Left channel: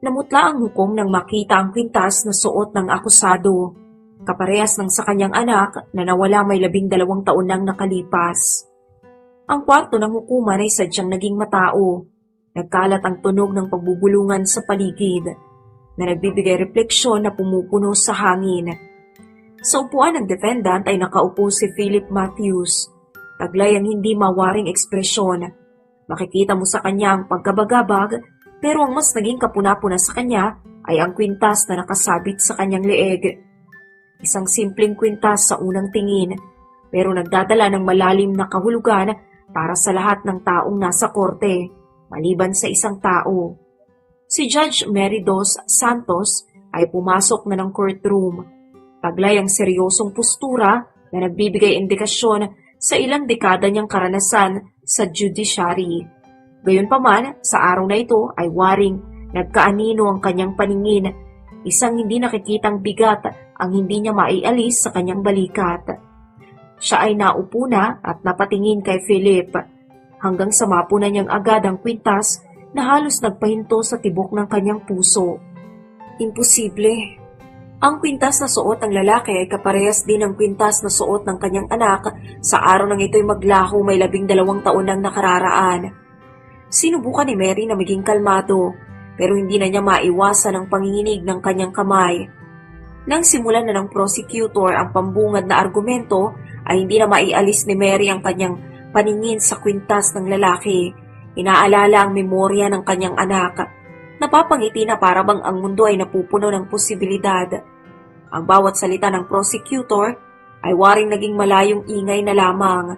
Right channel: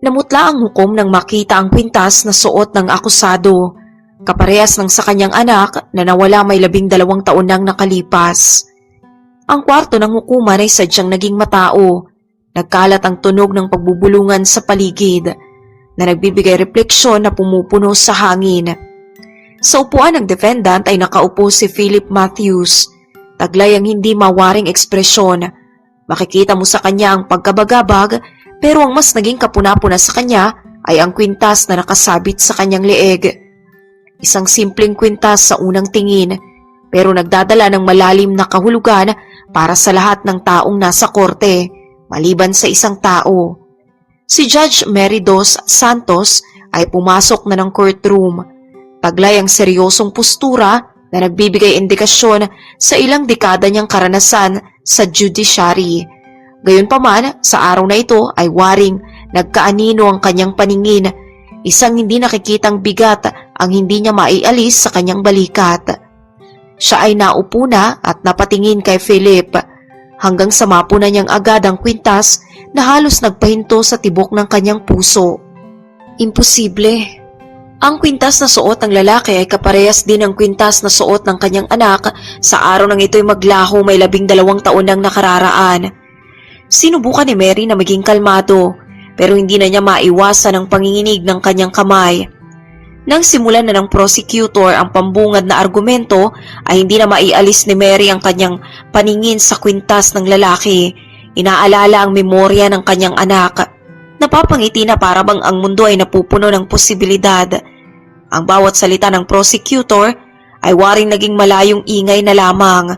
Namutla ang hukom nang makita ang kwintas na suot ng akusado, kaparehas ng sa kanyang anak na nawala may 12 taon nang nakalipas. Ang kwarto ng hukuman ay sadyang naging matao. Nagkalat ang tunog ng pagbubulungan sa paligid na nagbibigay refleksyon na pumupuno sa hangin. Sa upuan ng defendant ay nakaupo si Philip Matthews, taglay ang hindi mawaring ekspresyon. Makikita mo sa kanya ang pagkabagabag, pero ang mas naging kapuna-puna sa kanya ay ang kwintas na nakasabit sa kanyang leeg. Isang simpleng kwintas sa unang tingin, pero nagdadala ng malalim na kahulugan para sa lahat ng taong nasa korte, maliban sa isang tao. Si Judge Mary Dos Santos ay pumasok na ng courtroom. Taglay ang seryosong postura na nagbibigay indikasyon sa ilang dekada niyang karanasan sa judiciary. Gayunpaman, sa araw na ito ay waring nagkaanino ang kanyang paningin, isang hindi nakikitang bigat ang hindi niya maialis sa kanyang balikat. Siya ay naupo na at napatingin kay Philip, hanggang sa mapuna niyang agad ang kwintas na halos nagpahinto sa tibok ng kanyang puso. Imposible. Ang kwintas na suot ng lalaki ay kaparehas din ng kwintas na suot ng kanyang anak sa araw ng ito'y maglaho may 12 taon nang nakararaan. Sinubukan ni Mary na maging kalmado, pero hindi na niya maiwasan ang panginginig ng kanyang kamay. Nang simulan na ng prosecutor ang pambungad na argumento ay hindi na maialis ni Mary ang kanyang paningin sa kwintas ng lalaki. Inaalala ang memorya ng kanyang anak. Napapangiti na para bang ang mundo ay napupuno ng posibilidad. Ang bawat salita ng prosecutor ay waring naging malayong ingay na lamang.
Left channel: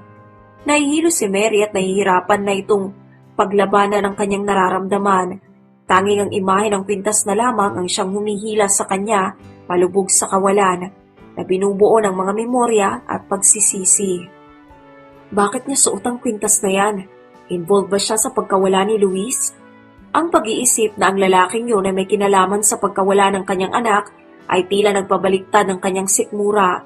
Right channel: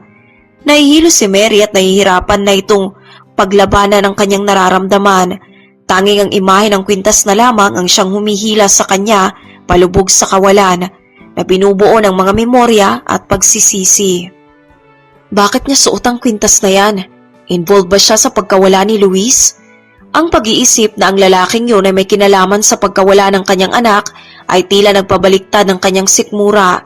Nahihilo si Mary at nahihirapan na itong paglabanan ng kanyang nararamdaman. Tanging ang imahe ng kwintas na lamang ang siyang humihila sa kanya palubog sa kawalan na binubuo ng mga memorya at pagsisisi. Bakit niya suot ang kwintas na yan? Involved ba siya sa pagkawala ni Luis? Ang pag-iisip na ang lalaking yun ay may kinalaman sa pagkawala ng kanyang anak ay tila nagpabaliktad ng kanyang sikmura.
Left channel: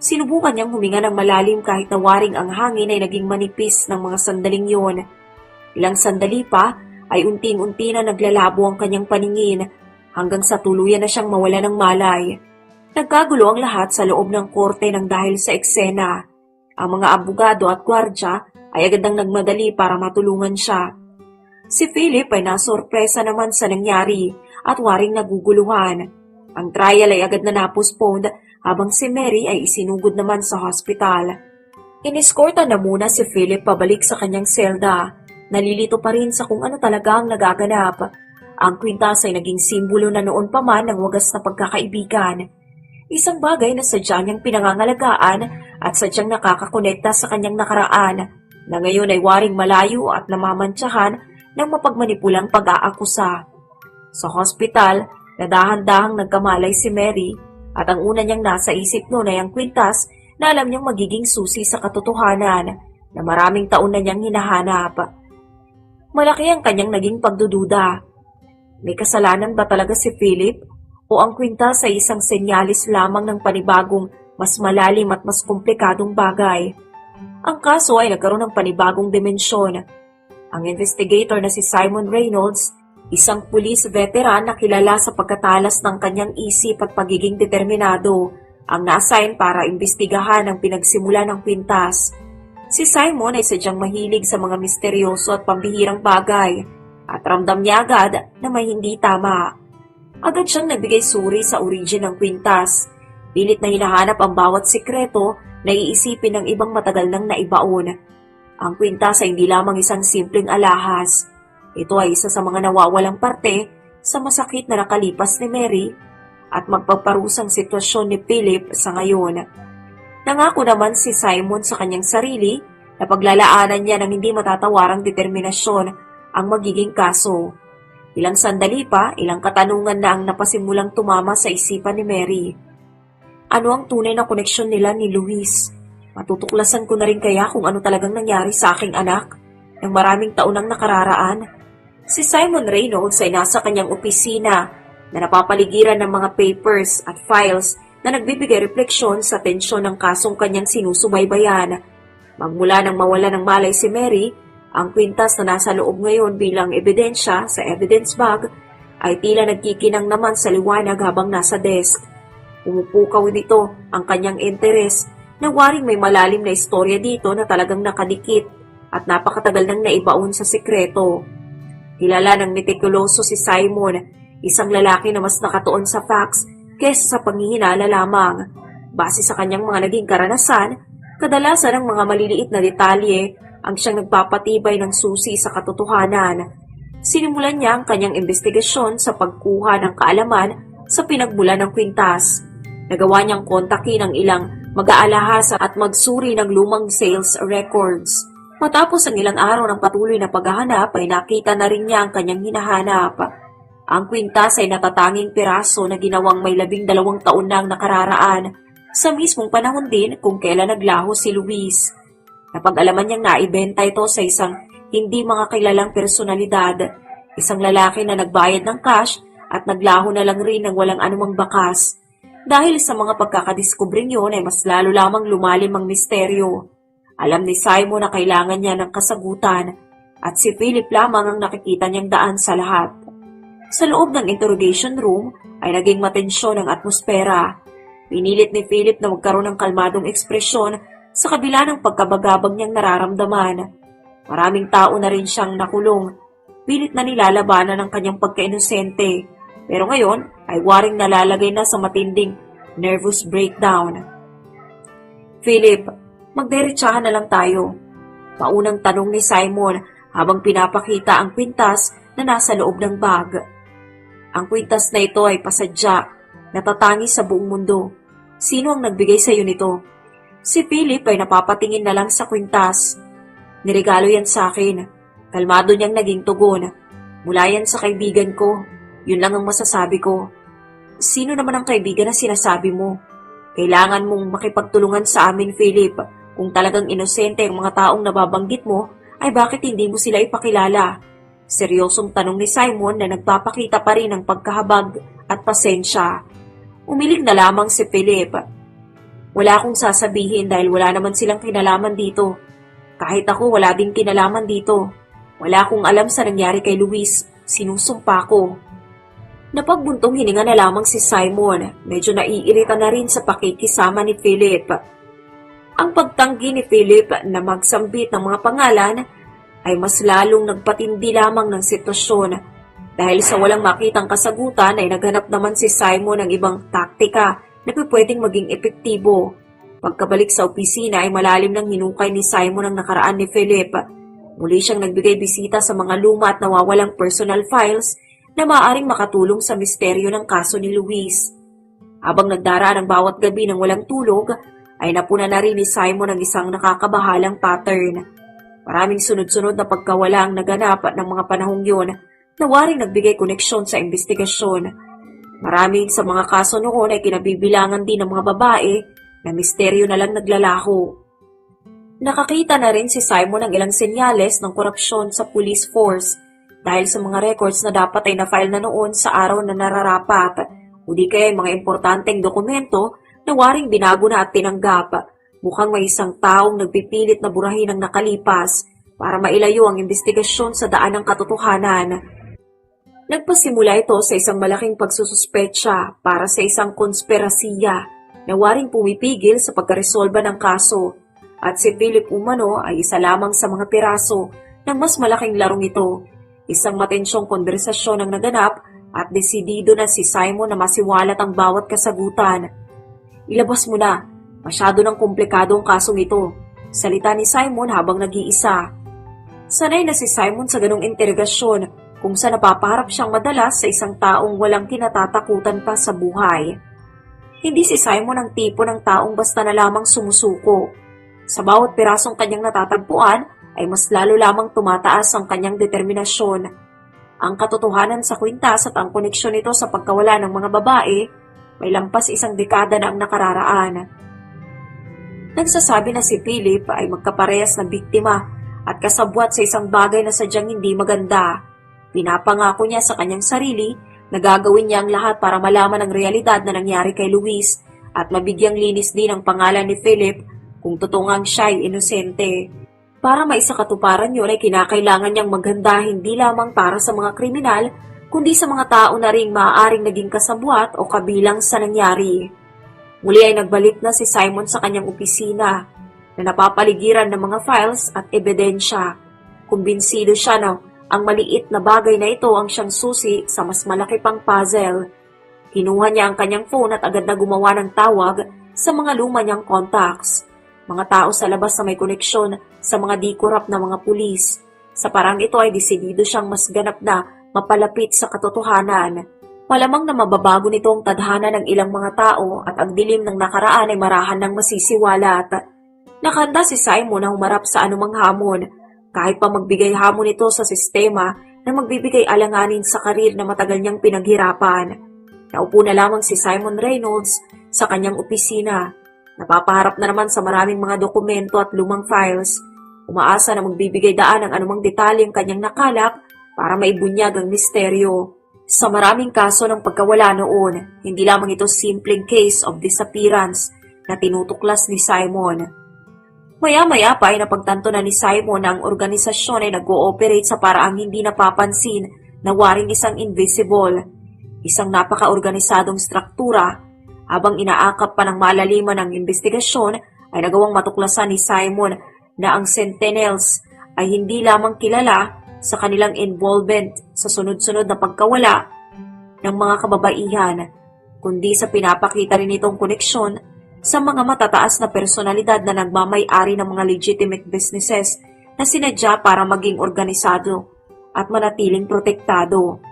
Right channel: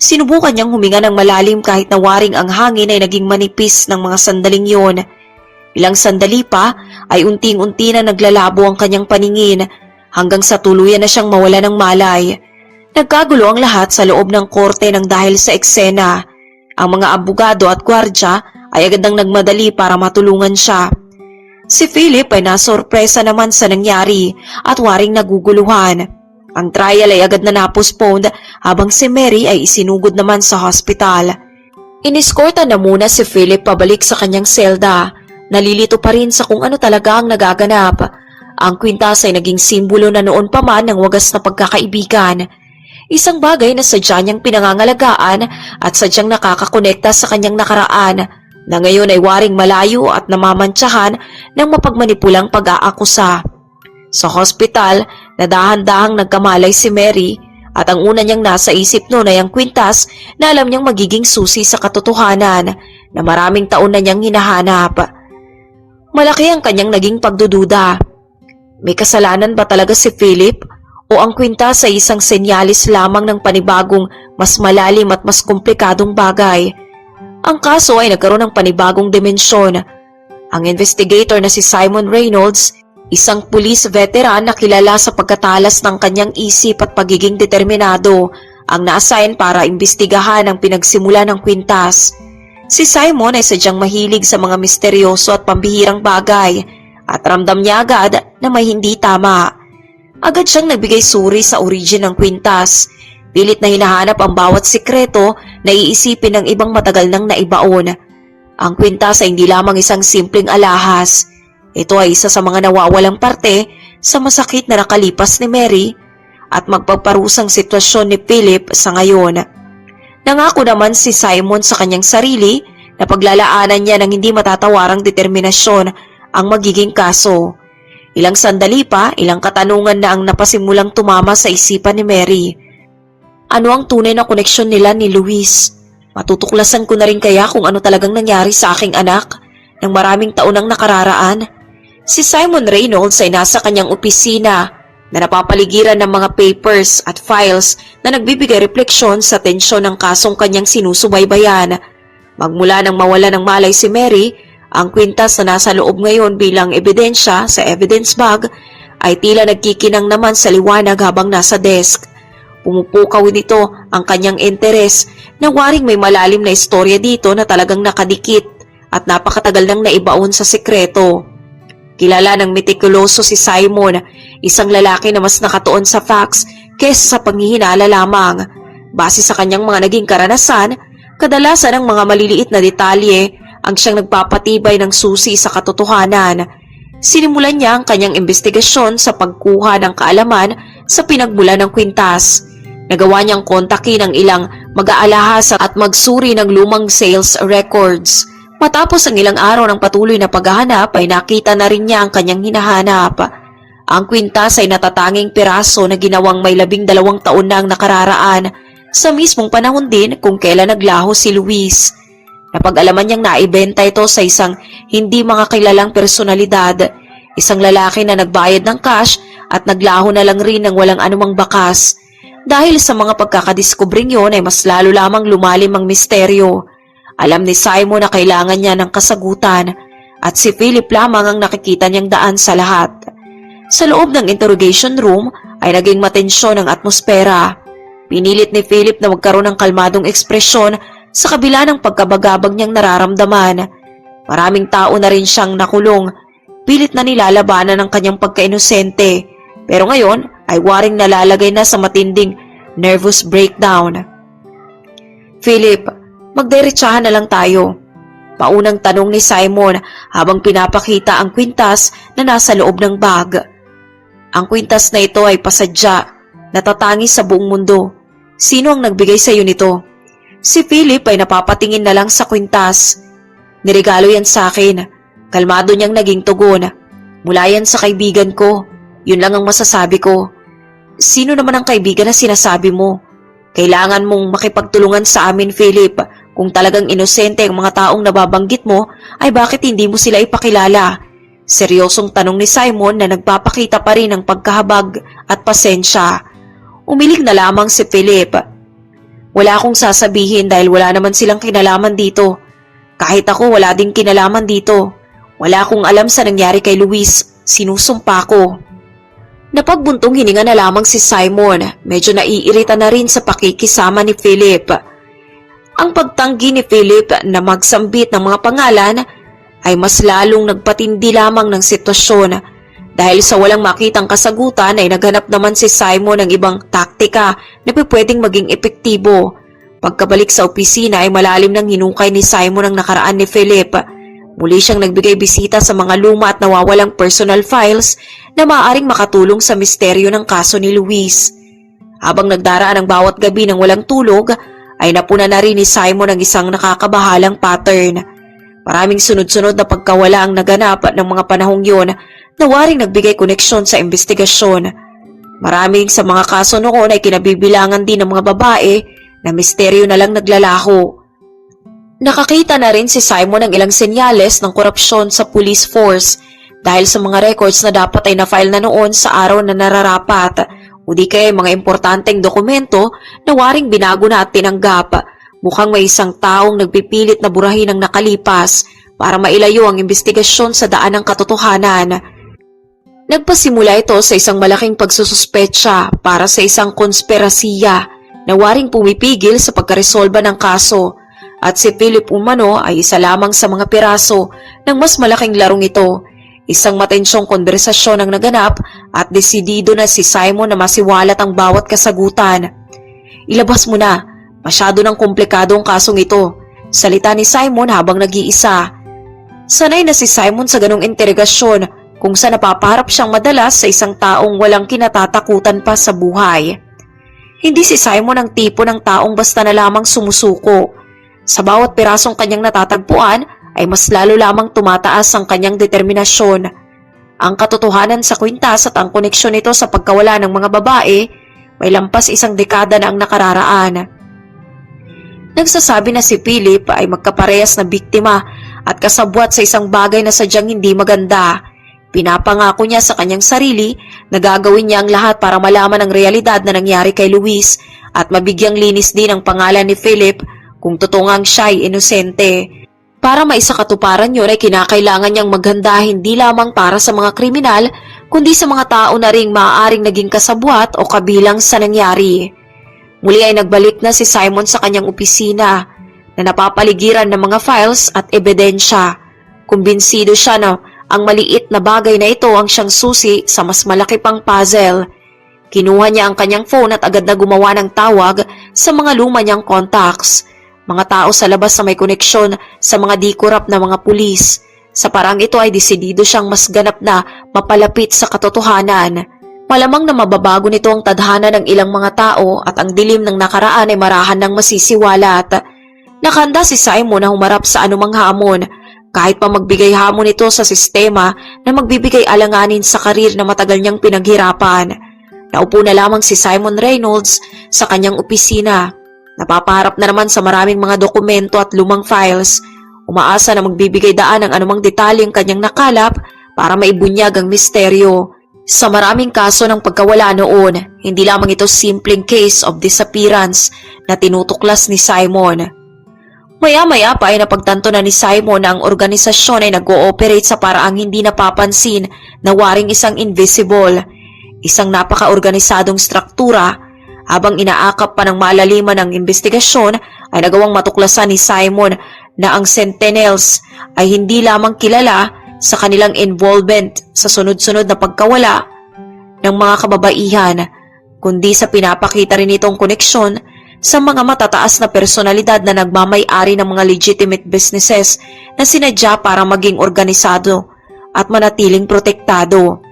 Sinubukan niyang huminga ng malalim kahit na waring ang hangin ay naging manipis ng mga sandaling yun. Ilang sandali pa ay unting-unti na naglalabo ang kanyang paningin hanggang sa tuluyan na siyang mawala ng malay. Nagkagulo ang lahat sa loob ng korte nang dahil sa eksena. Ang mga abogado at gwardya ay agad nagmadali para matulungan siya. Si Philip ay nasorpresa naman sa nangyari at waring naguguluhan. Ang trial ay agad na napostponed habang si Mary ay isinugod naman sa hospital. Iniskorta na muna si Philip pabalik sa kanyang selda. Nalilito pa rin sa kung ano talaga ang nagaganap. Ang kwintas ay naging simbolo na noon pa man ng wagas na pagkakaibigan. Isang bagay na sadya niyang pinangangalagaan at sadyang nakakakonekta sa kanyang nakaraan na ngayon ay waring malayo at namamantsahan ng mapagmanipulang pag-aakusa. Sa hospital, nadahan-dahang nagkamalay si Mary at ang una niyang nasa isip noon ay ang kwintas na alam niyang magiging susi sa katotohanan na maraming taon na niyang hinahanap. Malaki ang kanyang naging pagdududa. May kasalanan ba talaga si Philip o ang kwintas ay isang senyalis lamang ng panibagong mas malalim at mas komplikadong bagay? Ang kaso ay nagkaroon ng panibagong dimensyon. Ang investigator na si Simon Reynolds, isang pulis veteran na kilala sa pagkatalas ng kanyang isip at pagiging determinado, ang na-assign para imbestigahan ang pinagsimula ng kwintas. Si Simon ay sadyang mahilig sa mga misteryoso at pambihirang bagay at ramdam niya agad na may hindi tama. Agad siyang nagbigay suri sa origin ng kwintas. Pilit na hinahanap ang bawat sikreto na iisipin ng ibang matagal nang naibaon. Ang kwintas ay hindi lamang isang simpleng alahas. Ito ay isa sa mga nawawalang parte sa masakit na nakalipas ni Mary at magpaparusang sitwasyon ni Philip sa ngayon. Nangako naman si Simon sa kanyang sarili na paglalaanan niya ng hindi matatawarang determinasyon ang magiging kaso. Ilang sandali pa, ilang katanungan na ang napasimulang tumama sa isipan ni Mary. Ano ang tunay na koneksyon nila ni Luis? Matutuklasan ko na rin kaya kung ano talagang nangyari sa aking anak ng maraming taon ang nakararaan? Si Simon Reynolds ay nasa kanyang opisina na napapaligiran ng mga papers at files na nagbibigay refleksyon sa tensyon ng kasong kanyang sinusubaybayan. Magmula nang mawala ng malay si Mary, ang kwintas na nasa loob ngayon bilang ebidensya sa evidence bag ay tila nagkikinang naman sa liwanag habang nasa desk. Pumupukaw nito ang kanyang interes na waring may malalim na istorya dito na talagang nakadikit at napakatagal nang naibaon sa sikreto. Kilala ng metikuloso si Simon, isang lalaki na mas nakatuon sa facts kaysa sa panghihinala lamang. Base sa kanyang mga naging karanasan, kadalasan ang mga maliliit na detalye ang siyang nagpapatibay ng susi sa katotohanan. Sinimulan niya ang kanyang investigasyon sa pagkuha ng kaalaman sa pinagmula ng kwintas. Nagawa niyang kontakin ang ilang mag-aalahas at magsuri ng lumang sales records. Matapos ang ilang araw ng patuloy na paghahanap ay nakita na rin niya ang kanyang hinahanap. Ang kwintas ay natatanging piraso na ginawang may 12 taon na ang nakararaan sa mismong panahon din kung kailan naglaho si Luis. Napag-alaman niyang naibenta ito sa isang hindi mga kilalang personalidad, isang lalaki na nagbayad ng cash at naglaho na lang rin ng walang anumang bakas. Dahil sa mga pagkakadiskubring yon ay mas lalo lamang lumalim ang misteryo. Alam ni Simon na kailangan niya ng kasagutan at si Philip lamang ang nakikita niyang daan sa lahat. Sa loob ng interrogation room ay naging matensyon ang atmosfera. Pinilit ni Philip na magkaroon ng kalmadong ekspresyon sa kabila ng pagkabagabag niyang nararamdaman. Maraming tao na rin siyang nakulong, pilit na nilalabanan ng kanyang pagkainosente, pero ngayon ay waring nalalagay na sa matinding nervous breakdown. Philip, magdiretsahan na lang tayo. Paunang tanong ni Simon habang pinapakita ang kwintas na nasa loob ng bag. Ang kwintas na ito ay pasadya, natatangi sa buong mundo. Sino ang nagbigay sa iyo nito? Si Philip ay napapatingin na lang sa kwintas. Niregalo yan sa akin. Kalmado niyang naging tugon. Mula yan sa kaibigan ko. Yun lang ang masasabi ko. Sino naman ang kaibigan na sinasabi mo? Kailangan mong makipagtulungan sa amin, Philip. Kung talagang inosente ang mga taong nababanggit mo, ay bakit hindi mo sila ipakilala? Seryosong tanong ni Simon na nagpapakita pa rin ng pagkahabag at pasensya. Umilig na lamang si Philip. Wala akong sasabihin dahil wala naman silang kinalaman dito. Kahit ako wala din kinalaman dito. Wala akong alam sa nangyari kay Luis. Sinusumpa ko. Napagbuntong hininga na lamang si Simon. Medyo naiirita na rin sa pakikisama ni Philip. Ang pagtanggi ni Philip na magsambit ng mga pangalan ay mas lalong nagpatindi lamang ng sitwasyon. Dahil sa walang makitang kasagutan ay naghanap naman si Simon ng ibang taktika na pwedeng maging epektibo. Pagkabalik sa opisina ay malalim ng hinukay ni Simon ang nakaraan ni Philip. Muli siyang nagbigay bisita sa mga luma at nawawalang personal files na maaaring makatulong sa misteryo ng kaso ni Luis. Habang nagdaraan ang bawat gabi ng walang tulog, ay napuna na rin ni Simon ang isang nakakabahalang pattern. Maraming sunod-sunod na pagkawala ang naganap ng mga panahong yun na waring nagbigay koneksyon sa investigasyon. Maraming sa mga kaso noon ay kinabibilangan din ng mga babae na misteryo na lang naglalaho. Nakakita na rin si Simon ng ilang senyales ng korupsyon sa police force dahil sa mga records na dapat ay na-file na noon sa araw na nararapat o di kaya mga importanteng dokumento na waring binago na at tinanggap. Mukhang may isang taong nagpipilit na burahin ang nakalipas para mailayo ang investigasyon sa daan ng katotohanan. Nagpasimula ito sa isang malaking pagsususpetsa para sa isang konspirasiya na waring pumipigil sa pagkaresolba ng kaso at si Philip umano ay isa lamang sa mga piraso ng mas malaking larong ito. Isang matensyong konversasyon ang naganap at desidido na si Simon na masiwalat ang bawat kasagutan. Ilabas mo na, masyado ng komplikado ang kasong ito, salita ni Simon habang nag-iisa. Sanay na si Simon sa ganong interogasyon kung saan napapaharap siyang madalas sa isang taong walang kinatatakutan pa sa buhay. Hindi si Simon ang tipo ng taong basta na lamang sumusuko. Sa bawat pirasong kanyang natatagpuan ay mas lalo lamang tumataas ang kanyang determinasyon. Ang katotohanan sa kwintas at ang koneksyon nito sa pagkawala ng mga babae may lampas isang dekada na ang nakararaan. Nagsasabi na si Philip ay magkaparehas na biktima at kasabwat sa isang bagay na sadyang hindi maganda. Pinapangako niya sa kanyang sarili na gagawin niya ang lahat para malaman ang realidad na nangyari kay Luis at mabigyang linis din ang pangalan ni Philip kung totoo ngang siya'y inosente. Para maisakatuparan yun ay kinakailangan niyang maghanda hindi lamang para sa mga kriminal kundi sa mga tao na ring maaaring naging kasabwat o kabilang sa nangyari. Muli ay nagbalik na si Simon sa kanyang opisina na napapaligiran ng mga files at ebidensya. Kumbinsido siya na ang maliit na bagay na ito ang siyang susi sa mas malaki pang puzzle. Kinuha niya ang kanyang phone at agad na gumawa ng tawag sa mga luma niyang contacts, mga tao sa labas na may koneksyon sa mga di-corrupt na mga pulis. Sa parang ito ay desidido siyang mas ganap na mapalapit sa katotohanan. Malamang na mababago nito ang tadhana ng ilang mga tao at ang dilim ng nakaraan ay marahan ng masisiwalat. Nakahanda si Simon na humarap sa anumang hamon, kahit pa magbigay hamon ito sa sistema na magbibigay alanganin sa karir na matagal niyang pinaghirapan. Naupo na lamang si Simon Reynolds sa kanyang opisina. Napapaharap na naman sa maraming mga dokumento at lumang files. Umaasa na magbibigay daan ng anumang detalyeng kanyang nakalap para maibunyag ang misteryo. Sa maraming kaso ng pagkawala noon, hindi lamang ito simpleng case of disappearance na tinutuklas ni Simon. Maya-maya pa ay napagtanto na ni Simon na ang organisasyon ay nag-ooperate sa paraang hindi napapansin na waring isang invisible, isang napaka-organisadong struktura. Habang inaakap pa ng malaliman ng investigasyon ay nagawang matuklasan ni Simon na ang Sentinels ay hindi lamang kilala sa kanilang involvement sa sunod-sunod na pagkawala ng mga kababaihan, kundi sa pinapakita rin itong koneksyon sa mga matataas na personalidad na nagmamay-ari ng mga legitimate businesses na sinadya para maging organisado at manatiling protektado.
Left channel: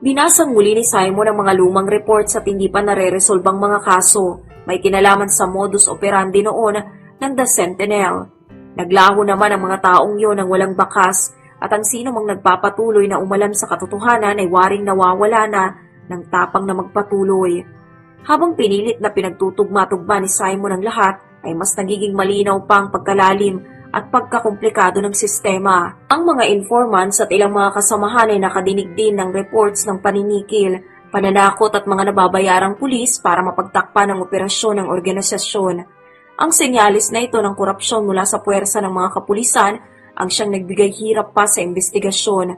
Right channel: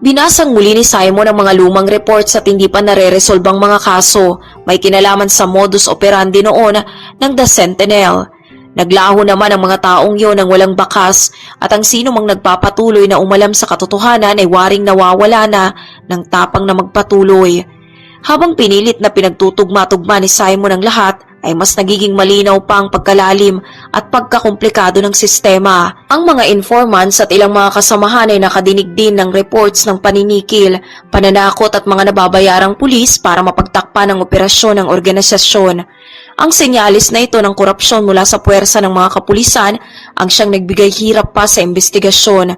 Binasang muli ni Simon ang mga lumang reports at hindi pa nare-resolbang mga kaso may kinalaman sa modus operandi noon ng The Sentinel. Naglaho naman ang mga taong yun ng walang bakas at ang sino mang nagpapatuloy na umalam sa katotohanan ay waring nawawala na ng tapang na magpatuloy. Habang pinilit na pinagtutugma-tugma ni Simon ang lahat, ay mas nagiging malinaw pa ang pagkalalim at pagkakomplikado ng sistema. Ang mga informants at ilang mga kasamahan ay nakadinig din ng reports ng paninikil, pananakot at mga nababayarang pulis para mapagtakpan ang operasyon ng organisasyon. Ang senyalis na ito ng korupsyon mula sa puwersa ng mga kapulisan ang siyang nagbigay hirap pa sa investigasyon.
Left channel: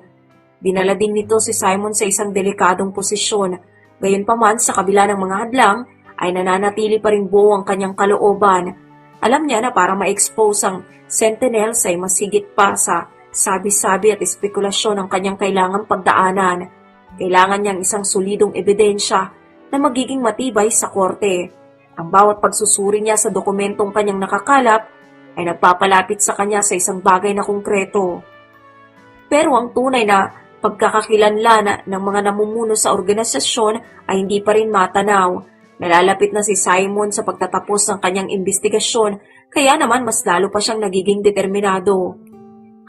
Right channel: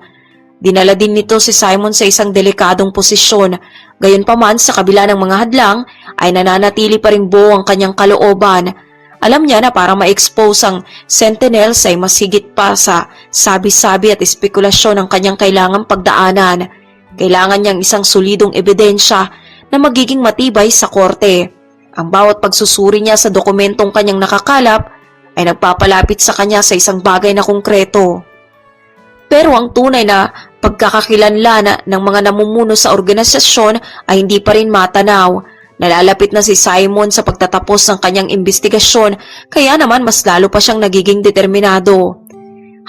Dinala din nito si Simon sa isang delikadong posisyon. Gayunpaman sa kabila ng mga hadlang ay nananatili pa ring buo ang kanyang kalooban. Alam niya na para ma-expose ang Sentinels ay mas higit pa sa sabi-sabi at espekulasyon ang kanyang kailangang pagdaanan. Kailangan niyang isang solidong ebidensya na magiging matibay sa korte. Ang bawat pagsusuri niya sa dokumentong kanyang nakakalap ay nagpapalapit sa kanya sa isang bagay na konkreto. Pero ang tunay na pagkakakilanlan ng mga namumuno sa organisasyon ay hindi pa rin matanaw. Nalalapit na si Simon sa pagtatapos ng kanyang investigasyon kaya naman mas lalo pa siyang nagiging determinado.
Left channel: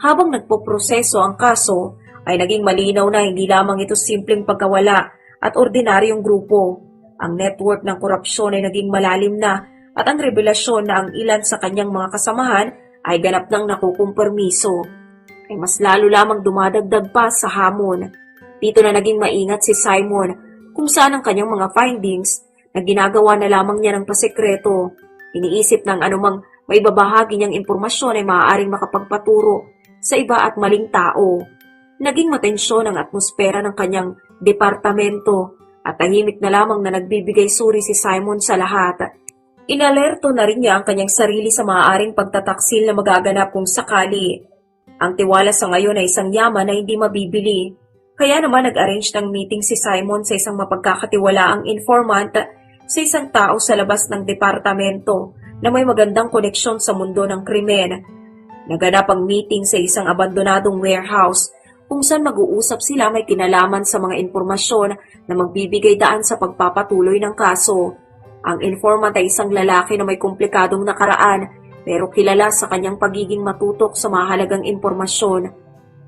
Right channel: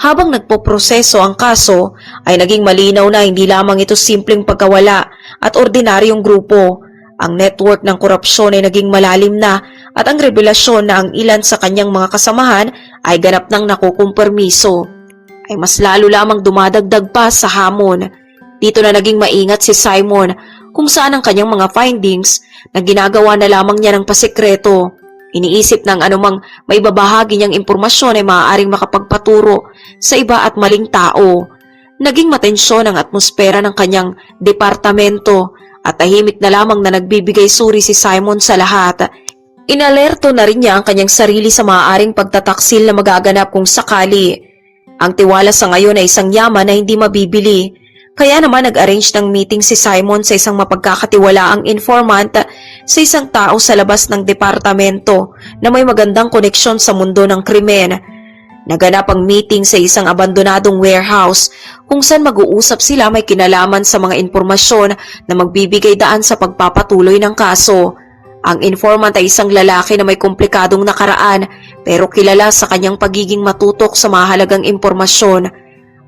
Habang nagpoproseso ang kaso ay naging malinaw na hindi lamang ito simpleng pagkawala at ordinaryong grupo. Ang network ng korupsyon ay naging malalim na at ang revelasyon na ang ilan sa kanyang mga kasamahan ay ganap nang nakukumpermiso ay mas lalo lamang dumadagdag pa sa hamon. Dito na naging maingat si Simon kung saan ang kanyang mga findings na ginagawa na lamang niya ng pasikreto. Iniisip ng anumang may babahagi niyang impormasyon ay maaaring makapagpaturo sa iba at maling tao. Naging matensyon ang atmosfera ng kanyang departamento at tahimik na lamang na nagbibigay suri si Simon sa lahat. Inalerto na rin niya ang kanyang sarili sa maaaring pagtataksil na magaganap kung sakali. Ang tiwala sa ngayon ay isang yaman na hindi mabibili. Kaya naman nag-arrange ng meeting si Simon sa isang mapagkakatiwalaang informant sa isang tao sa labas ng departamento na may magandang koneksyon sa mundo ng krimen. Naganap ang meeting sa isang abandonadong warehouse kung saan mag-uusap sila may kinalaman sa mga impormasyon na magbibigay daan sa pagpapatuloy ng kaso. Ang informant ay isang lalaki na may komplikadong nakaraan pero kilala sa kanyang pagiging matutok sa mahalagang impormasyon.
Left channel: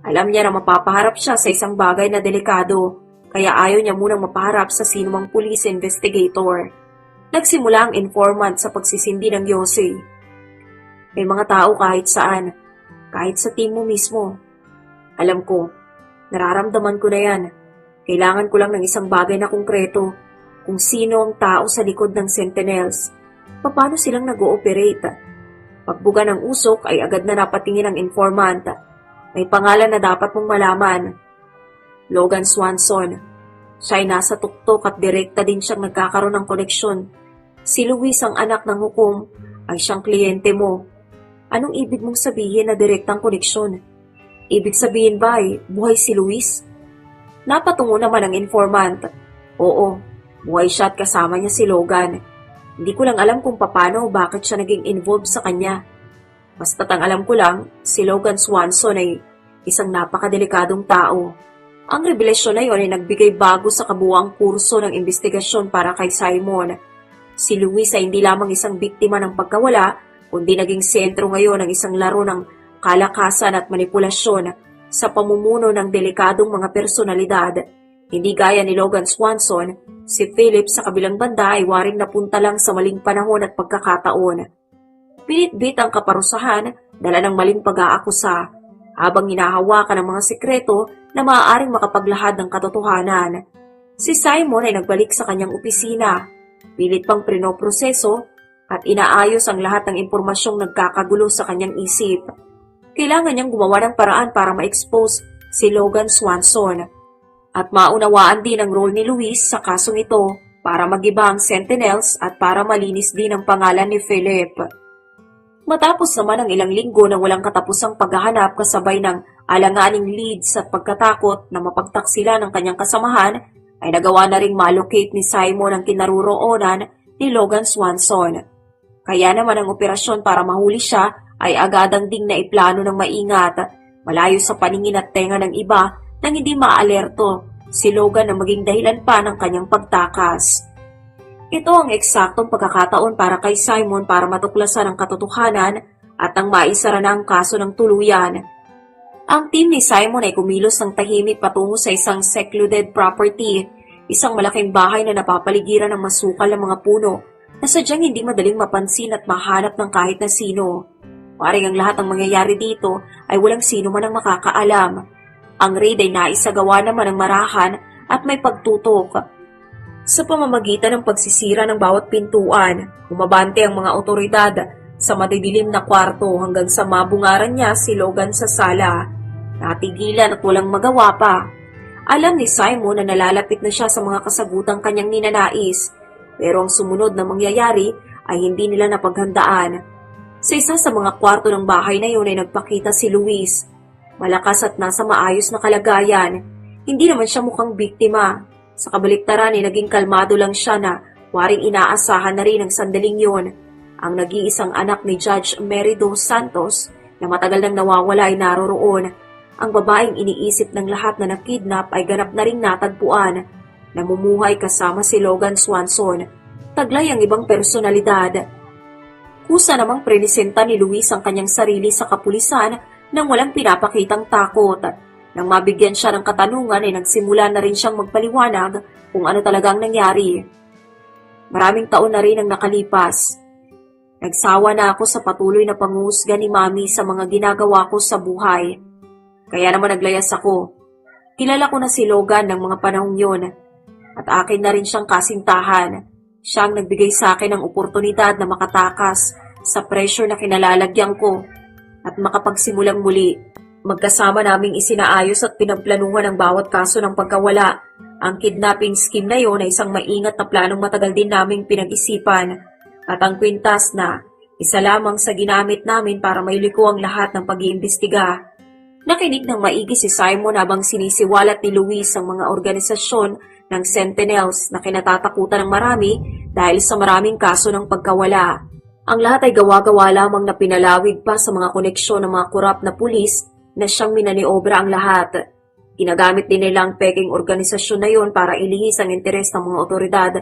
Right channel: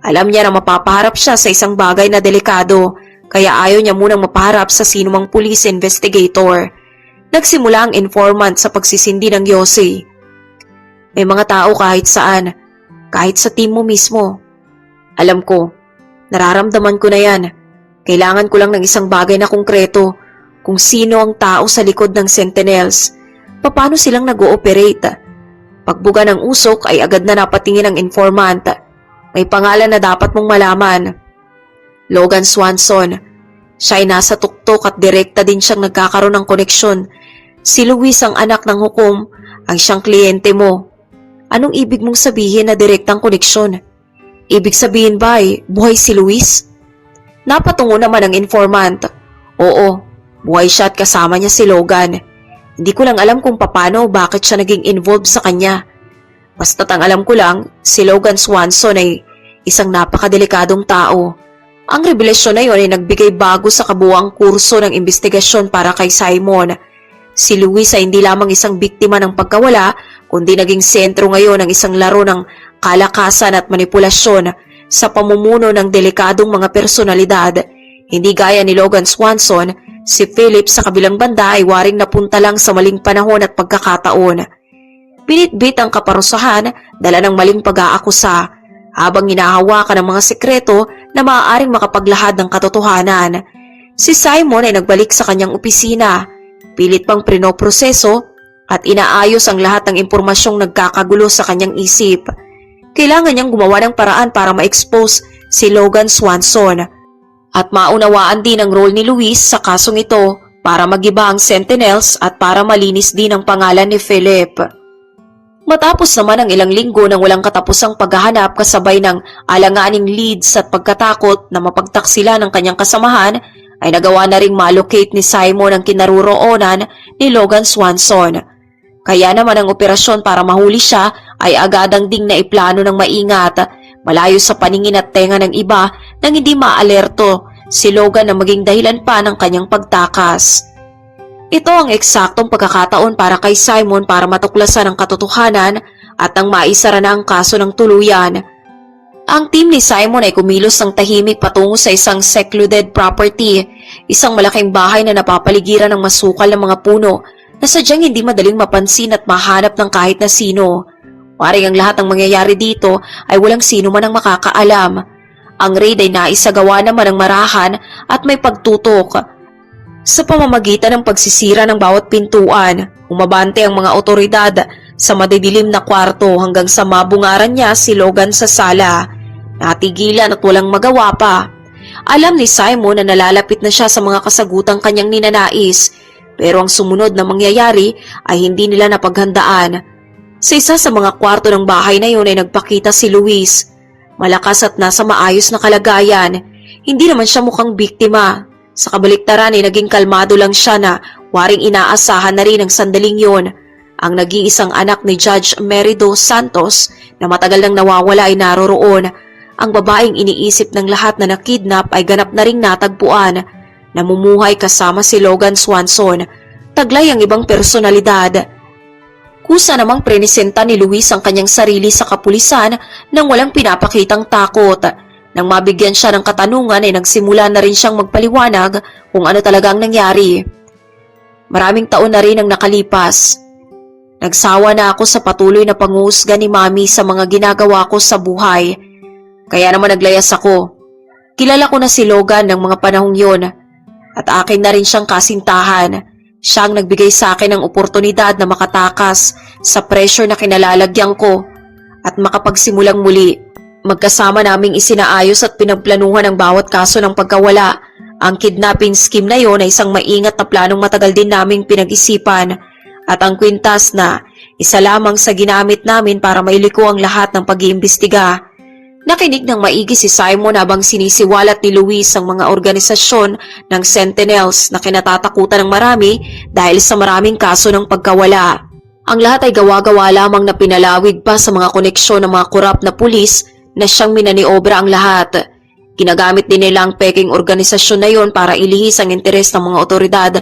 Alam niya na mapapaharap siya sa isang bagay na delikado kaya ayaw niya munang mapaharap sa sinumang police investigator. Nagsimula ang informant sa pagsisindi ng yosi. May mga tao kahit saan, kahit sa team mo mismo. Alam ko, nararamdaman ko na yan. Kailangan ko lang ng isang bagay na konkreto. Kung sino ang tao sa likod ng Sentinels, paano silang nag-ooperate. Pagbuga ng usok ay agad na napatingin ang informant. May pangalan na dapat mong malaman. Logan Swanson. Siya ay nasa tuktok at direkta din siyang nagkakaroon ng koneksyon. Si Luis ang anak ng hukom, ang siyang kliyente mo. Anong ibig mong sabihin na direktang koneksyon? Ibig sabihin ba ay buhay si Luis? Napatungo naman ang informant. Oo, buhay siya at kasama niya si Logan. Hindi ko lang alam kung paano o bakit siya naging involved sa kanya. Basta't ang alam ko lang, si Logan Swanson ay isang napakadelikadong tao. Ang revelasyon na yun ay nagbigay bago sa kabuuang kurso ng investigasyon para kay Simon. Si Luis ay hindi lamang isang biktima ng pagkawala, kundi naging sentro ngayon ng isang laro ng kalakasan at manipulasyon sa pamumuno ng delikadong mga personalidad. Hindi gaya ni Logan Swanson, si Philip sa kabilang banda ay waring napunta lang sa maling panahon at pagkakataon. Binitbit ang kaparusahan, dala ng maling pag-aakusa, habang hinahawakan ng mga sekreto na maaaring makapaglahad ng katotohanan. Si Simon ay nagbalik sa kanyang opisina, pilit pang prinoproseso at inaayos ang lahat ng impormasyong nagkakagulo sa kanyang isip. Kailangan niyang gumawa ng paraan para ma-expose si Logan Swanson at maunawaan din ang role ni Luis sa kasong ito para magiba ang Sentinels at para malinis din ang pangalan ni Philip. Matapos naman ang ilang linggo ng walang katapusang paghahanap kasabay ng alanganing leads at pagkatakot na mapagtaksila ng kanyang kasamahan, ay nagawa na ring ma-allocate ni Simon ang kinaroroonan ni Logan Swanson. Kaya naman ang operasyon para mahuli siya ay agadang ding naiplano ng maingat, malayo sa paningin at tenga ng iba nang hindi maalerto si Logan na maging dahilan pa ng kanyang pagtakas. Ito ang eksaktong pagkakataon para kay Simon para matuklasan ang katotohanan at ang maisara na ang kaso ng tuluyan. Ang team ni Simon ay kumilos ng tahimik patungo sa isang secluded property, isang malaking bahay na napapaligiran ng masukal na mga puno na sadyang hindi madaling mapansin at mahanap ng kahit na sino. Waring ang lahat ng mangyayari dito ay walang sino man ang makakaalam. Ang raid ay naisagawa naman ng marahan at may pagtutok. Sa pamamagitan ng pagsisira ng bawat pintuan, umabante ang mga otoridad sa madidilim na kwarto hanggang sa mabungaran niya si Logan sa sala. Natigilan at walang magawa pa. Alam ni Simon na nalalapit na siya sa mga kasagutang kanyang ninanais, pero ang sumunod na mangyayari ay hindi nila napaghandaan. Sa isa sa mga kwarto ng bahay na yun ay nagpakita si Luis. Malakas at nasa maayos na kalagayan. Hindi naman siya mukhang biktima. Sa kabaliktaran ay naging kalmado lang siya na waring inaasahan na rin ang sandaling yun. Ang nag-iisang anak ni Judge Merido Santos na matagal nang nawawala ay naroroon. Ang babaeng iniisip ng lahat na nakidnap ay ganap na ring natagpuan. Namumuhay kasama si Logan Swanson. Taglay ang ibang personalidad. Kusa namang prenisenta ni Luis ang kanyang sarili sa kapulisan nang walang pinapakitang takot. Nang mabigyan siya ng katanungan ay nagsimula na rin siyang magpaliwanag kung ano talagang nangyari. Maraming taon na rin ang nakalipas. Nagsawa na ako sa patuloy na panghuhusga ni Mami sa mga ginagawa ko sa buhay. Kaya naman naglayas ako. Kilala ko na si Logan ng mga panahong yon at akin na rin siyang kasintahan. Siya ang nagbigay sa akin ng oportunidad na makatakas sa pressure na kinalalagyan ko at makapagsimulang muli. Magkasama naming isinaayos at pinagplanuhan ang bawat kaso ng pagkawala. Ang kidnapping scheme na yon ay isang maingat na planong matagal din naming pinag-isipan at ang kwintas na isa lamang sa ginamit namin para mailiko ang lahat ng pag-iimbestiga. Nakinig ng maigi si Simon habang sinisiwalat ni Luis ang mga organisasyon ng Sentinels na kinatatakutan ng marami dahil sa maraming kaso ng pagkawala. Ang lahat ay gawa-gawa lamang na pinalawig pa sa mga koneksyon ng mga korap na pulis na siyang minaniobra ang lahat. Ginagamit din nila ang peking organisasyon na yon para ilihis ang interes ng mga otoridad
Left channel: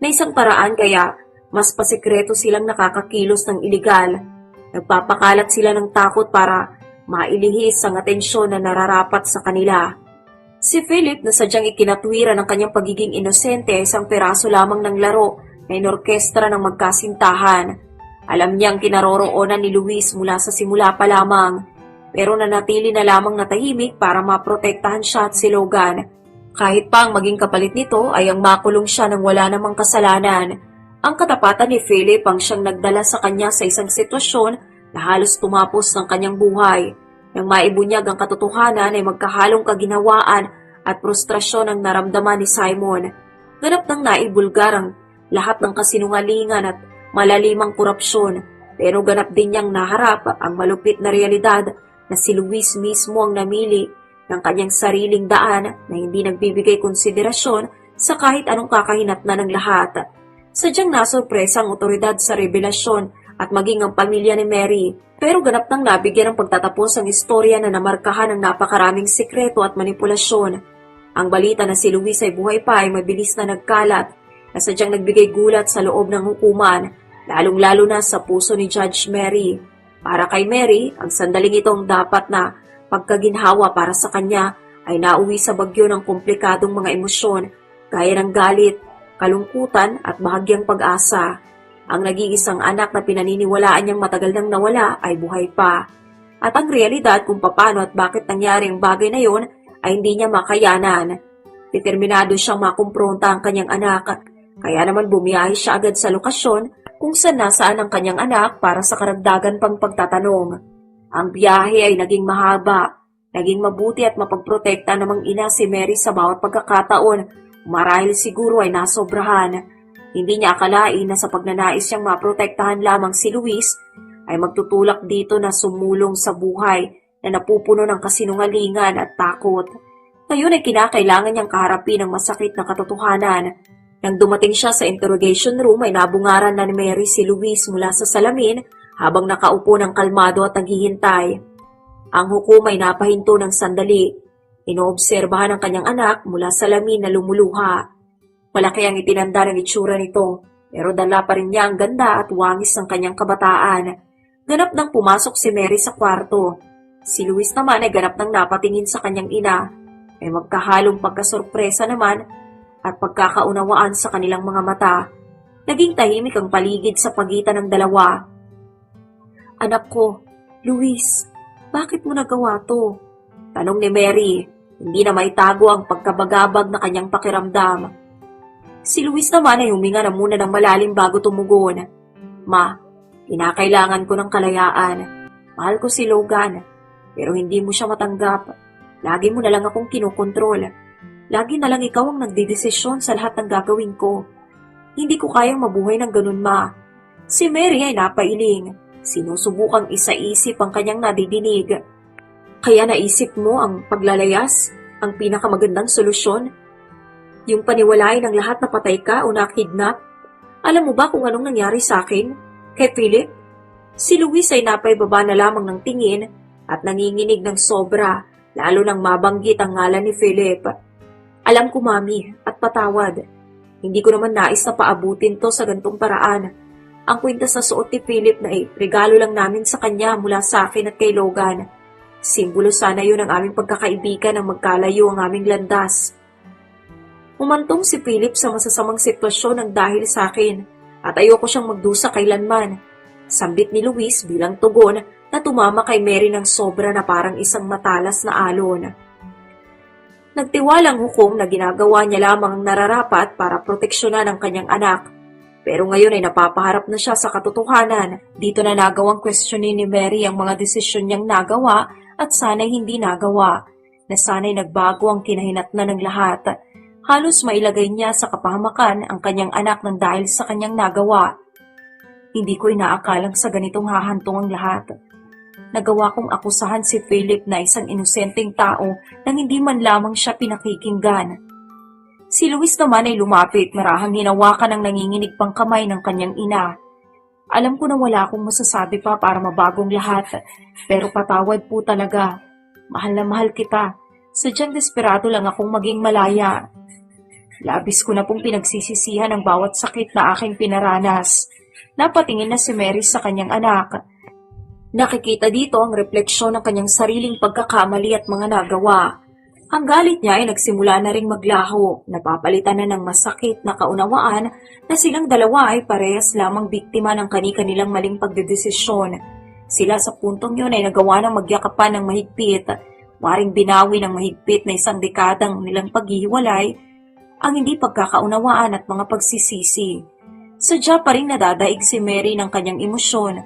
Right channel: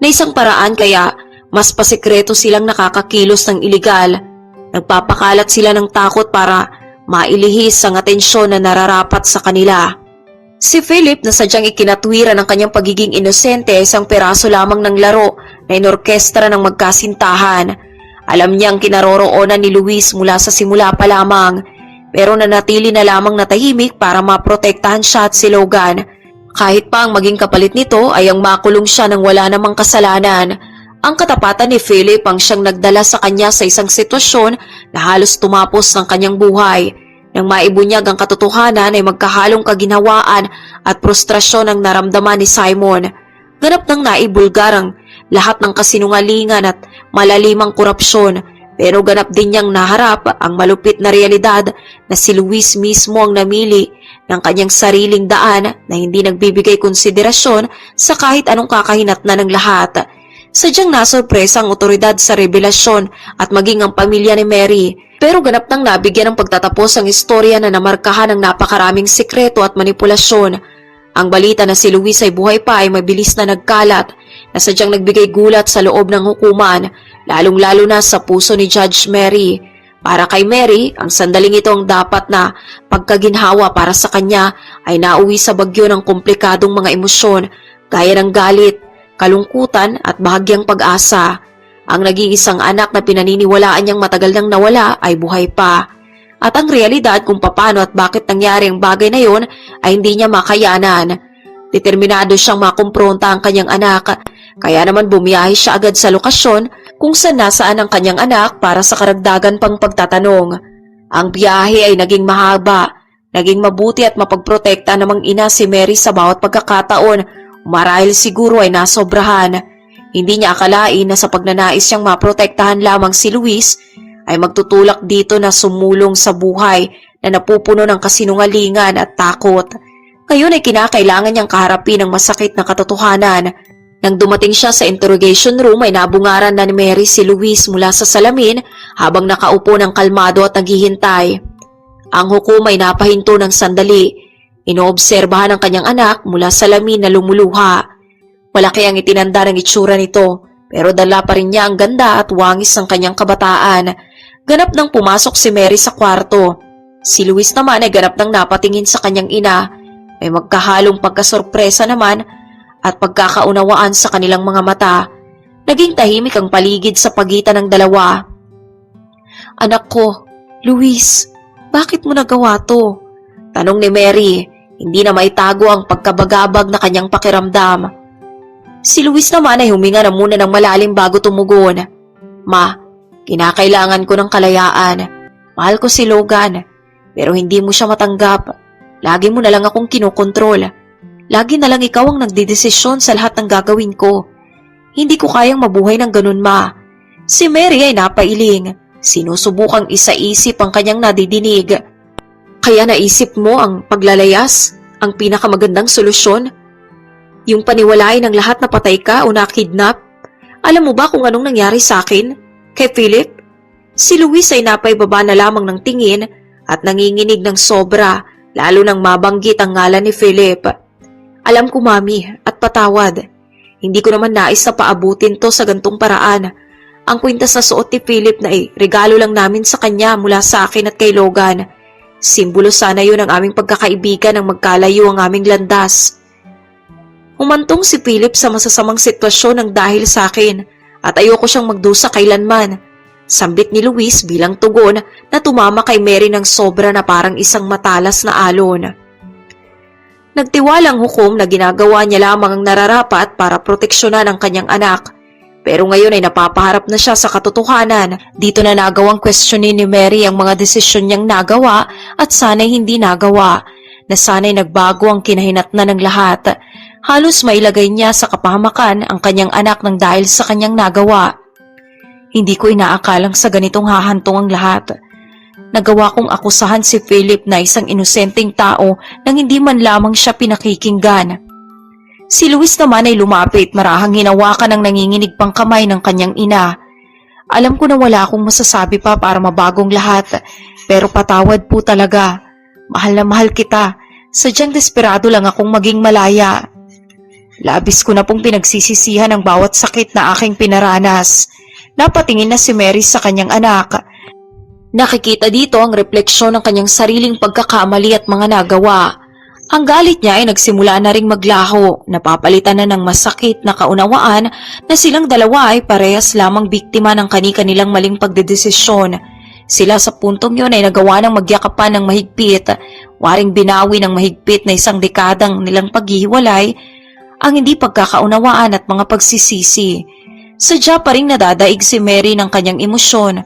na isang paraan kaya mas pasikreto silang nakakakilos ng iligal. Nagpapakalat sila ng takot para mailihis ang atensyon na nararapat sa kanila. Si Philip na sadyang ikinatwira ng kanyang pagiging inosente ay isang peraso lamang ng laro na inorkestra ng magkasintahan. Alam niyang kinaroroonan ni Luis mula sa simula pa lamang. Pero nanatili na lamang natahimik para maprotektahan siya at si Logan. Kahit pa ang maging kapalit nito ay ang makulong siya nang wala namang kasalanan. Ang katapatan ni Philip ang siyang nagdala sa kanya sa isang sitwasyon na halos tumapos ng kanyang buhay. Nang maibunyag ang katotohanan ay magkahalong kaginhawaan at frustrasyon ang naramdaman ni Simon. Ganap nang naibulgar ang lahat ng kasinungalingan at malalimang korupsyon, pero ganap din niyang naharap ang malupit na realidad na si Luis mismo ang namili ng kanyang sariling daan na hindi nagbibigay konsiderasyon sa kahit anong kakahinatnan ng lahat. Sadyang nasurpresa ang otoridad sa revelasyon at maging ang pamilya ni Mary, pero ganap nang nabigyan ng pagtatapos ang istorya na namarkahan ng napakaraming sikreto at manipulasyon. Ang balita na si Luis ay buhay pa ay mabilis na nagkalat na sadyang nagbigay gulat sa loob ng hukuman, lalong-lalo na sa puso ni Judge Mary. Para kay Mary, ang sandaling ito ang dapat na pagkaginhawa para sa kanya ay nauwi sa bagyo ng komplikadong mga emosyon gaya ng galit, kalungkutan at bahagyang pag-asa. Ang nag-iisang anak na pinaniniwalaan niyang matagal nang nawala ay buhay pa. At ang realidad kung paano at bakit nangyari ang bagay na yon ay hindi niya makayanan. Determinado siyang makumpronta ang kanyang anak, kaya naman bumiyahe siya agad sa lokasyon kung saan nasaan ang kanyang anak para sa karagdagan pang pagtatanong. Ang biyahe ay naging mahaba, naging mabuti at mapagprotekta namang ina si Mary sa bawat pagkakataon, marahil siguro ay nasobrahan. Hindi niya akalain na sa pagnanais siyang maprotektahan lamang si Luis, ay magtutulak dito na sumulong sa buhay na napupuno ng kasinungalingan at takot. Ngayon ay kinakailangan niyang kaharapin ang masakit na katotohanan. Nang dumating siya sa interrogation room ay nabungaran na ni Mary si Luis mula sa salamin habang nakaupo ng kalmado at naghihintay. Ang hukom ay napahinto ng sandali. Inoobserbahan ang kanyang anak mula sa salamin na lumuluha. Malaki ang itinanda ng itsura nito, pero dala pa rin niya ang ganda at wangis ng kanyang kabataan. Ganap nang pumasok si Mary sa kwarto. Si Luis naman ay ganap nang napatingin sa kanyang ina. May magkahalong pagkasorpresa naman at pagkakaunawaan sa kanilang mga mata. Naging tahimik ang paligid sa pagitan ng dalawa. "Anak ko, Luis, bakit mo nagawa to?" Tanong ni Mary, hindi na maitago ang pagkabagabag na kanyang pakiramdam. Si Luis naman ay huminga na muna ng malalim bago tumugon. "Ma, kinakailangan ko ng kalayaan. Mahal ko si Logan, pero hindi mo siya matanggap. Lagi mo na lang akong kinokontrol. Lagi na lang ikaw ang nagdidesisyon sa lahat ng gagawin ko. Hindi ko kayang mabuhay ng ganun, Ma." Si Mary ay napailing. Sinusubukang isaisip ang kanyang nadidinig. "Kaya naisip mo ang paglalayas? Ang pinakamagandang solusyon? Yung paniwalain ng lahat na patay ka o nakidnap? Alam mo ba kung anong nangyari sa akin? Kay Philip?" Si Luis ay napaibaba na lamang ng tingin at nanginginig ng sobra, lalo nang mabanggit ang ngalan ni Philip. "Alam ko, Mami, at patawad. Hindi ko naman nais na paabutin to sa gantong paraan. Ang kwintas na suot ni Philip na regalo lang namin sa kanya mula sa akin at kay Logan. Simbolo sana yun ng aming pagkakaibigan nang magkalayo ang aming landas." Humantong si Philip sa masasamang sitwasyon ng dahil sa akin at ayoko siyang magdusa kailanman. Sambit ni Luis bilang tugon na tumama kay Mary ng sobra na parang isang matalas na alon. Nagtiwalang hukom na ginagawa niya lamang ang nararapat para proteksyonan ang kanyang anak. Pero ngayon ay napapaharap na siya sa katotohanan. Dito na nagawang questionin ni Mary ang mga desisyon niyang nagawa at sana'y hindi nagawa. Na sana'y nagbago ang kinahinatnan ng lahat. Halos mailagay niya sa kapahamakan ang kanyang anak ng dahil sa kanyang nagawa. Hindi ko inaakalang sa ganitong hahantong ang lahat. Nagawa kong akusahan si Philip na isang inosenteng tao nang hindi man lamang siya pinakikinggan. Si Luis naman ay lumapit, marahang hinawakan ng nanginginig pang kamay ng kanyang ina. "Alam ko na wala akong masasabi pa para mabagong lahat, pero patawad po talaga. Mahal na mahal kita. Sadyang desperado lang akong maging malaya. Labis ko na pong pinagsisisihan ang bawat sakit na aking pinaranas." Napatingin na si Mary sa kanyang anak. Nakikita dito ang refleksyon ng kanyang sariling pagkakamali at mga nagawa. Ang galit niya ay nagsimula na ring maglaho, napapalitan na ng masakit na kaunawaan na silang dalawa ay parehas lamang biktima ng kani-kanilang maling pagdedesisyon. Sila sa puntong yun ay nagawa ng magyakapan ng mahigpit, waring binawi ng mahigpit na isang dekadang nilang paghihiwalay, ang hindi pagkakaunawaan at mga pagsisisi. Sadya pa ring nadadaig si Mary ng kanyang emosyon.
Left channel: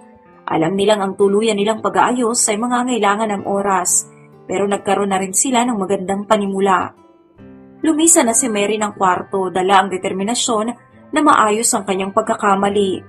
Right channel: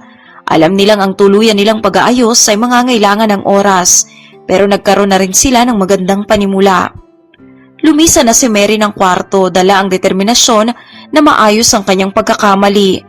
Alam nilang ang tuluyan nilang pag-aayos ay mangangailangan ng oras, pero nagkaroon na rin sila ng magandang panimula. Lumisa na si Mary ng kwarto, dala ang determinasyon na maayos ang kanyang pagkakamali.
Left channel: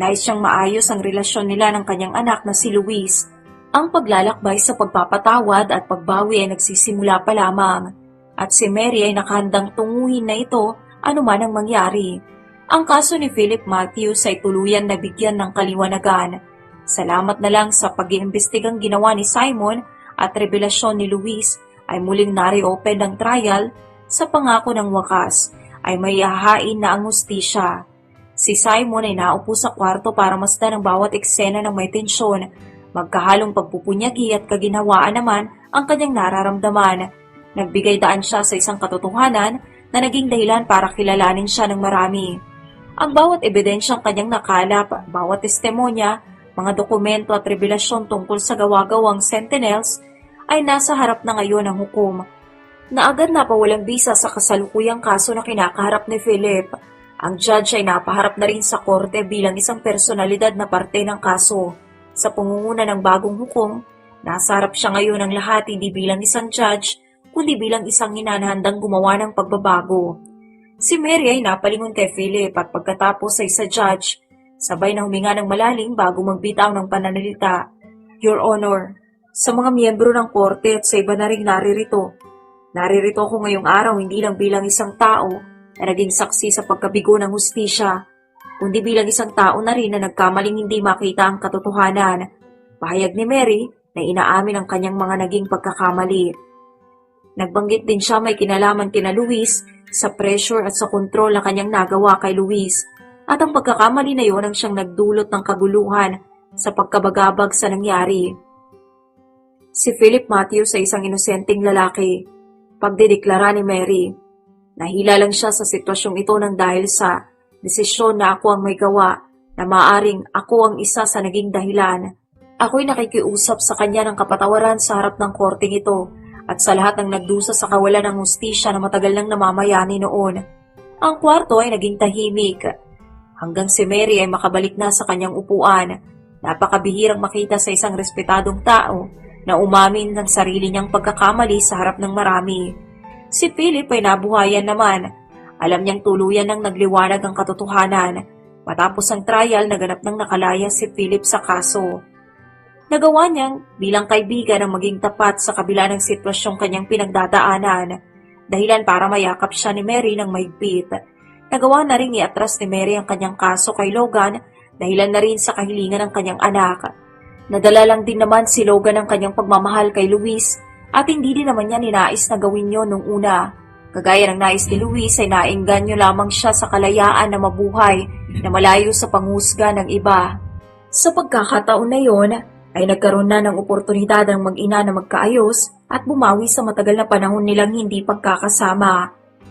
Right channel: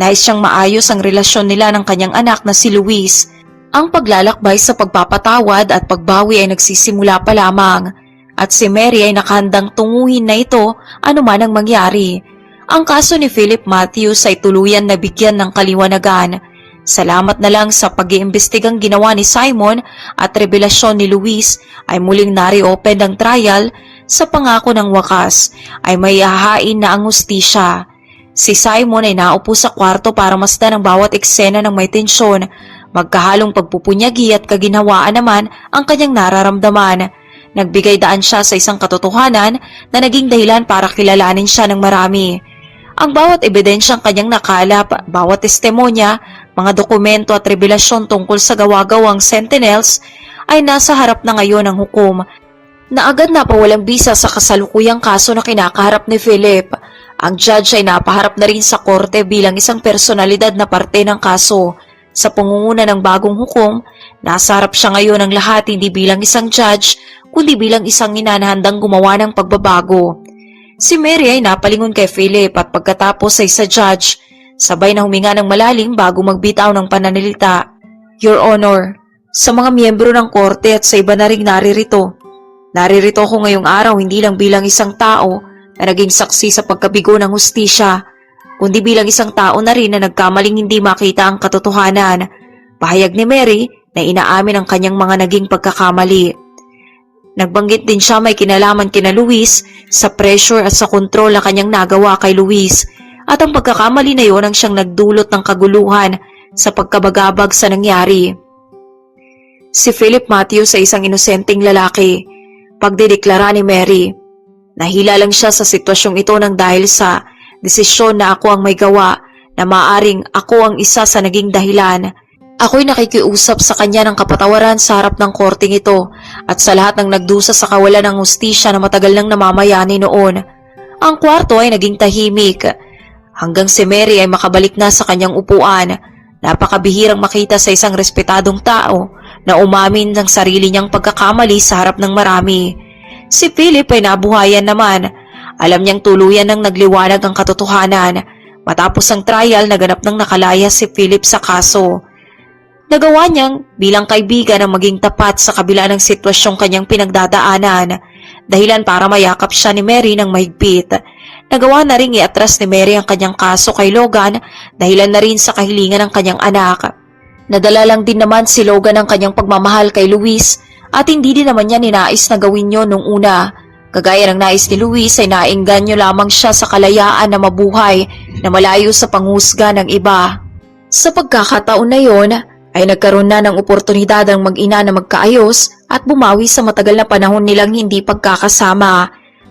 Nais siyang maayos ang relasyon nila ng kanyang anak na si Luis. Ang paglalakbay sa pagpapatawad at pagbawi ay nagsisimula pa lamang, at si Mary ay nakahandang tunguhin na ito anuman ang mangyari. Ang kaso ni Philip Matthews ay tuluyan na bigyan ng kaliwanagan. Salamat na lang sa pag-iimbestigang ginawa ni Simon at revelasyon ni Luis ay muling na-reopen ang trial. Sa pangako ng wakas ay may hahain na ang hustisya. Si Simon ay naupo sa kwarto para masdan ang bawat eksena ng may tensyon. Magkahalong pagpupunyagi at kaginhawaan naman ang kanyang nararamdaman. Nagbigay daan siya sa isang katotohanan na naging dahilan para kilalanin siya ng marami. Ang bawat ebidensyang kanyang nakalap, bawat testimonya, mga dokumento at revelasyon tungkol sa gawa-gawang Sentinels ay nasa harap na ngayon ng hukom, na agad napawalang bisa sa kasalukuyang kaso na kinakaharap ni Philip. Ang judge ay napaharap na rin sa korte bilang isang personalidad na parte ng kaso. Sa pangunguna ng bagong hukom, nasa harap siya ngayon ng lahat hindi bilang isang judge, kundi bilang isang ina na handang gumawa ng pagbabago. Si Mary ay napalingon kay Philip at pagkatapos ay sa judge, sabay na huminga ng malalim bago magbitaw ng pananalita. Your Honor, sa mga miyembro ng korte at sa iba na ring naririto ko ngayong araw hindi lang bilang isang tao na naging saksi sa pagkabigo ng hustisya, kundi bilang isang tao na rin na nagkamaling hindi makita ang katotohanan. Pahayag ni Mary na inaamin ang kanyang mga naging pagkakamali. Nagbanggit din siya may kinalaman kina Luis sa pressure at sa kontrol na kanyang nagawa kay Luis, at ang pagkakamali na yon ang siyang nagdulot ng kaguluhan sa pagkabagabag sa nangyari. Si Philip Matthews ay isang inosenteng lalaki. Pagdedeklara ni Mary, nahila lang siya sa sitwasyong ito nang dahil sa desisyon na ako ang may gawa, na maaring ako ang isa sa naging dahilan. Ako'y nakikiusap sa kanya ng kapatawaran sa harap ng korting ito at sa lahat ng nagdusa sa kawalan ng hustisya na matagal nang namamayani noon. Ang kwarto ay naging tahimik hanggang si Mary ay makabalik na sa kanyang upuan. Napakabihirang makita sa isang respetadong tao na umamin ng sarili niyang pagkakamali sa harap ng marami. Si Philip ay nabuhayan naman. Alam niyang tuluyan ng nagliwanag ang katotohanan. Matapos ang trial, naganap ng nakalaya si Philip sa kaso. Nagawa niyang bilang kaibigan ang maging tapat sa kabila ng sitwasyong kanyang pinagdadaanan, dahilan para mayakap siya ni Mary ng mahigpit. Nagawa na rin iatras ni Mary ang kanyang kaso kay Logan, dahilan na rin sa kahilingan ng kanyang anak. Nadala lang din naman si Logan ang kanyang pagmamahal kay Luis at hindi din naman niya ninais na gawin yon nung una. Kagaya ng nais ni Luis ay naengganyo lamang siya sa kalayaan na mabuhay na malayo sa panghusga ng iba. Sa pagkakataon na yon, ay nagkaroon na ng oportunidad ang mag-ina na magkaayos at bumawi sa matagal na panahon nilang hindi pagkakasama.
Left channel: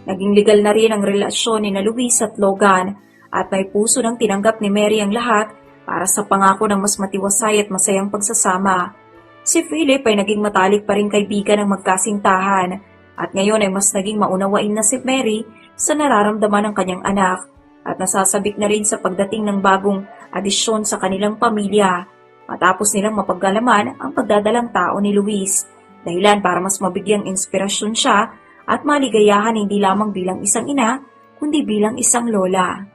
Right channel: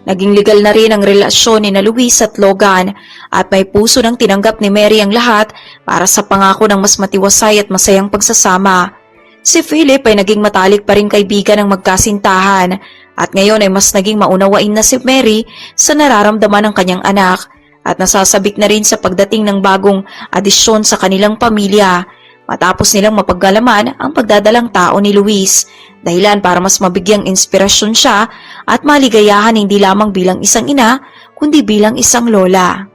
Naging legal na rin ang relasyon ni na Luis at Logan at may puso ng tinanggap ni Mary ang lahat para sa pangako ng mas matiwasay at masayang pagsasama. Si Philip ay naging matalik pa rin kaibigan ng magkasintahan at ngayon ay mas naging maunawain na si Mary sa nararamdaman ng kanyang anak at nasasabik na rin sa pagdating ng bagong adisyon sa kanilang pamilya. Matapos nilang mapaggalaman ang pagdadalang tao ni Luis, dahilan para mas mabigyang inspirasyon siya at maligayahan hindi lamang bilang isang ina, kundi bilang isang lola.